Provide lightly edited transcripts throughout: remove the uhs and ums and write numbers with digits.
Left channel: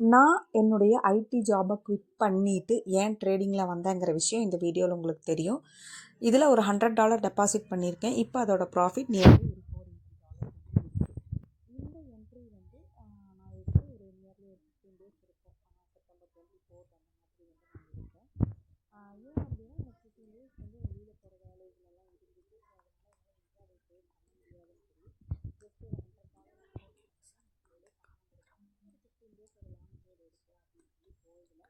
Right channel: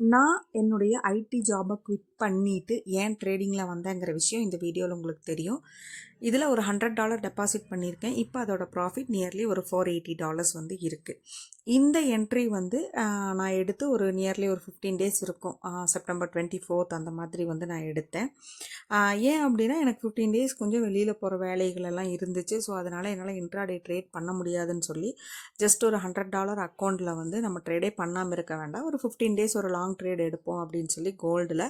நான் என்னுடைய ஐடி ஜாபை குவிட் பண்ணிவிட்டு ஏன் ட்ரேடிங்கில் வந்தேங்கிற விஷயம் இந்த வீடியோவில் உங்களுக்கு தெரியும். இதில் ஒரு $100 டெபாசிட் பண்ணியிருக்கேன். இப்போ அதோட ப்ராஃபிட் நியர்லி ஒரு $480 வந்து இருக்குது. இந்த என்ட்ரி வந்து நான் எடுத்து ஒரு நியர்லி ஒரு 15 டேஸ் இருக்கும். செப்டம்பர் 24 அந்த மாதிரி வந்து நான் எடுத்தேன். ஏன் அப்படின்னா எனக்கு 15 டேஸ் கொஞ்சம் வெளியில் போகிற வேலைகளெல்லாம் இருந்துச்சு. ஸோ அதனால் என்னால் இன்ட்ராடே ட்ரேட் பண்ண முடியாதுன்னு சொல்லி ஜஸ்ட் ஒரு $100 அக்கௌண்ட்டில் வந்து நம்ம ட்ரேடே பண்ணாமல் இருக்க வேண்டாம், ஒரு 15 டேஸ் ஒரு லாங் ட்ரேட் எடுப்போம் அப்படின்னு சொல்லி கோல்டில்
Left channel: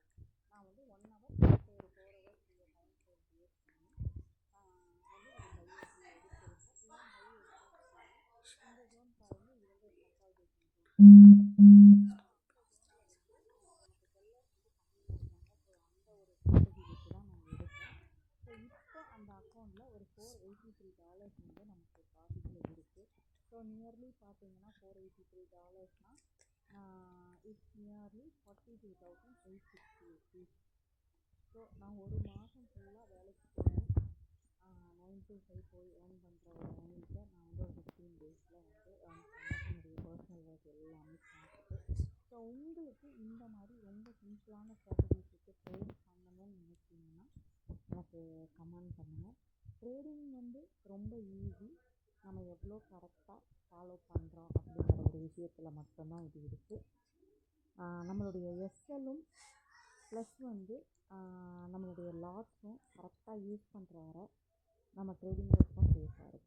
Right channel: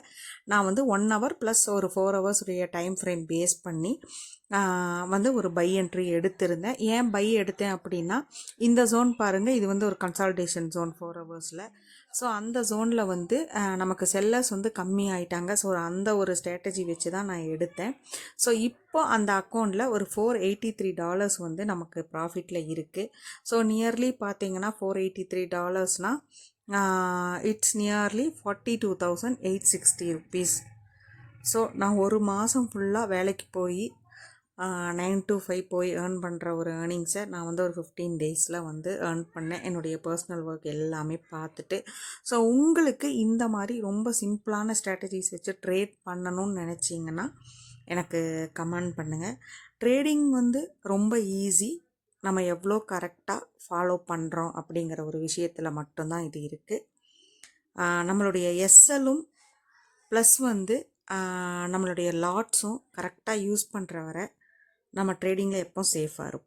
நான் வந்து 1 hour ப்ளஸ் ஒரு 4 hours உடைய டைம் ஃப்ரேம் பேஸ் பண்ணி வந்து ஒரு பை என்ட்ரி எடுத்திருந்தேன். ஏன் பை எடுத்தேன் அப்படின்னா, இந்த ஜோன் பாருங்கள், இது வந்து ஒரு கன்சால்டேஷன் ஜோன் 4 ஹவர்ஸில். ஸோ அந்த ஜோனில் வந்து நமக்கு செல்லர்ஸ் வந்து கம்மி ஆகிட்டாங்க. ஸோ அந்த ஒரு ஸ்ட்ராட்டஜி வச்சு தான் நான் எடுத்தேன். ஸோ இப்போ அந்த அக்கௌண்ட்டில் ஒரு $483 வந்து நமக்கு ப்ராஃபிட்டில் இருக்குது. ஸோ நியர்லி பார்த்தீங்கன்னா $483 இட்ஸ் நியர்லி 42,860 rupees. ஸோ நான் ஒரு மாதம் ஃபுல்லாக வேலைக்கு போய் 9 to 5 போய் ஏர்ன் பண்ணுற ஒரு ஏர்னிங்ஸை நான் வந்து ஒரு 15 டேஸில் வந்து ஏர்ன் பண்ணேன், என்னுடைய பர்சனல் ஒர்க் எல்லாமே பார்த்துட்டு. ஸோ உங்களுக்கு இந்த மாதிரி ரொம்ப சிம்பிளான ஸ்ட்ராட்டஜிஸ் வச்சு ட்ரேட் பண்ணணும்னு நினச்சிங்கன்னா எனக்கு கமெண்ட் பண்ணுங்கள். ட்ரேடிங் வந்து ரொம்ப ஈஸி, நம்ம எவ்வளோ கரெக்டாக ஃபாலோ பண்ணுறோம் அப்படிங்கிற ஒரு விஷயத்தில் மட்டும்தான் இது இருக்குது. நம்மளுடைய எஸ்எல்லும் ப்ளஸ் வந்து நம்மளுடைய லாட்ஸும் கரெக்டாக யூஸ் பண்ணுற வரை நம்ம ட்ரேடிங்கில் எப்போ சேஃபாக இருப்போம்.